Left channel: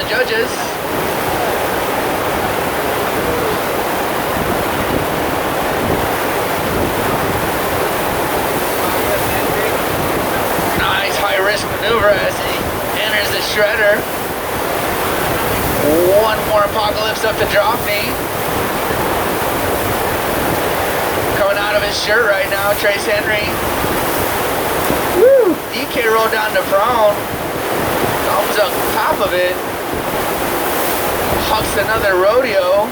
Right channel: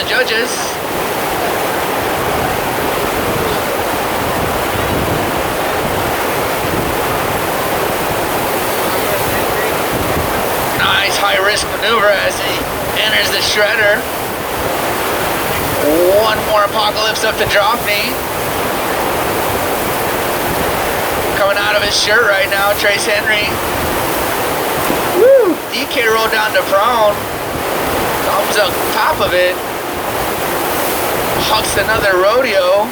the judges. Nice high-risk maneuver as he enters the shredder. One more apocalypse up to drop knee. Coming out of his shirt right now, Trace Henry. Woo! DK rolled down to prone. Comes up top of it. Hucks another rodeo.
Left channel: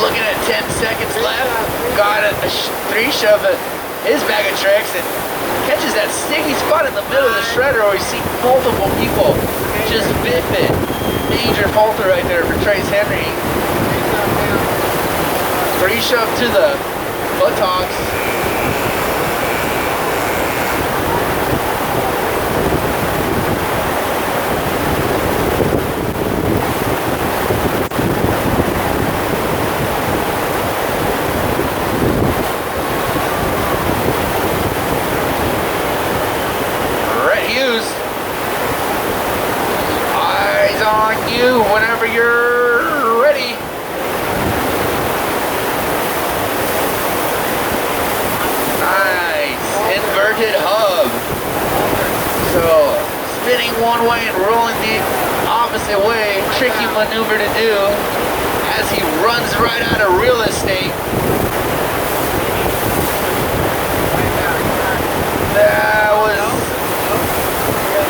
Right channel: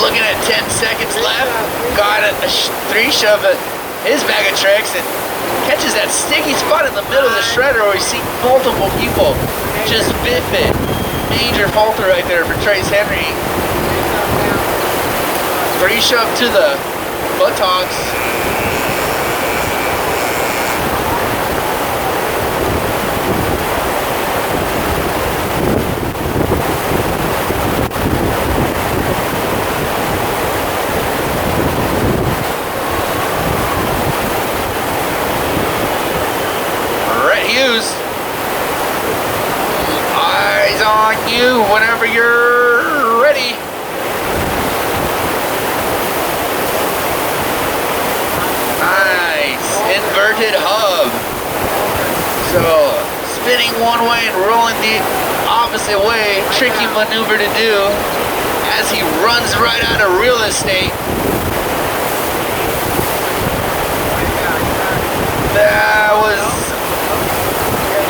Looking at 10 seconds left. Got a 3 shove at his bag of tricks and catches that sticky spot in the middle of the shredder where we see multiple people just biff it. Major falter right there for Trace Henry. 3 shove to the buttocks. Eyes on you whenever you're ready. Nice. Inverted hub. So, spinning one way and rolling the opposite way. Tricky maneuver to do as he runs right out of real estate. That was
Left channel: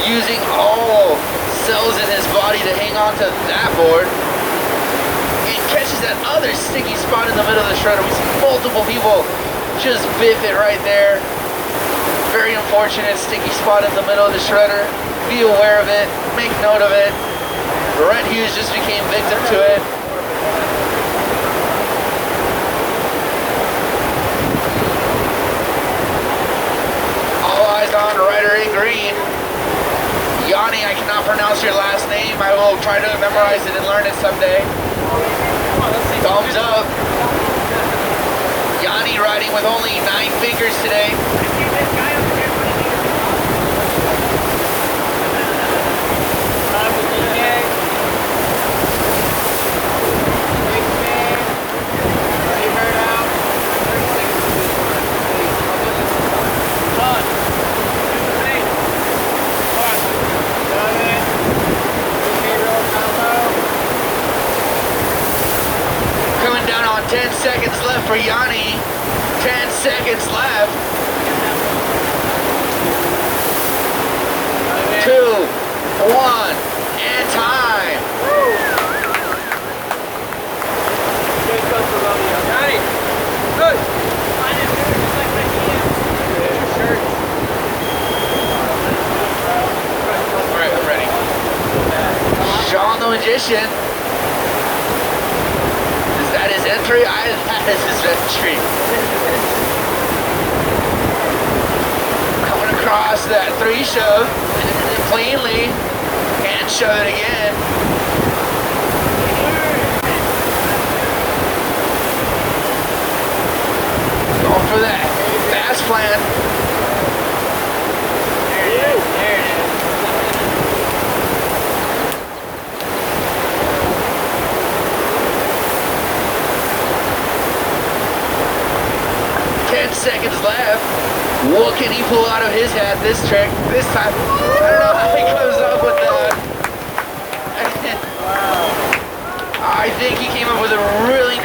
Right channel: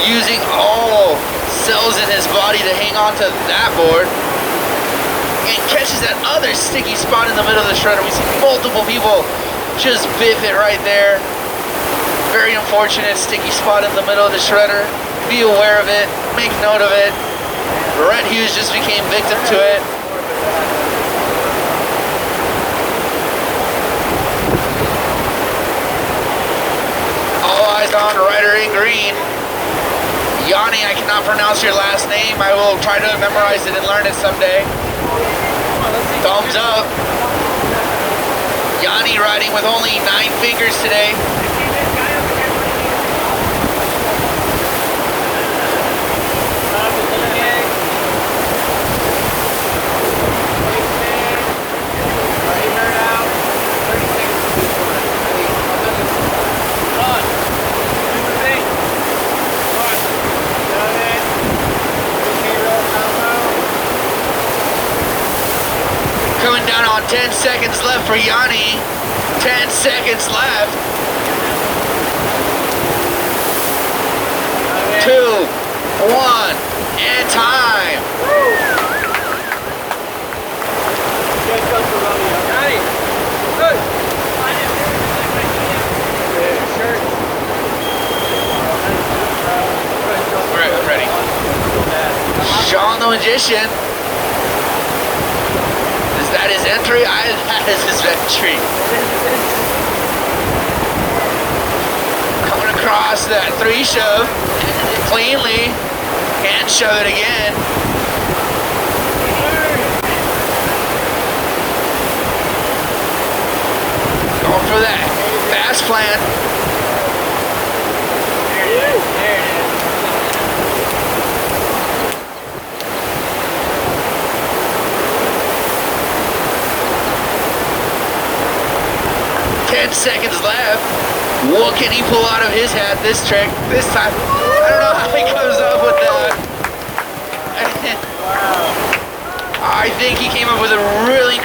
using all cells in his body to hang on to that board. And catches that other sticky spot in the middle of the shredder. We see multiple people just biff it right there. Very unfortunate sticky spot in the middle of the shredder. Be aware of it. Make note of it. Brent Hughes just became victim to it. All eyes on Rider in green. Yanni, I cannot pronounce your last name. I will try to memorize it and learn it someday. Thumbs up. Yanni riding with only 9 fingers today. Coming down on 10 seconds left for Yanni. 10 seconds left. 2, 1, and time. Ready. Sean the Magician. Entry? That is his entry. Coming across that 3 shove cleanly and shove it again. Going for that fast plan. There it is. 10 seconds left. What can he pull out of his hat this trick? This time, I don't know how he comes up with that. I think he came up with a really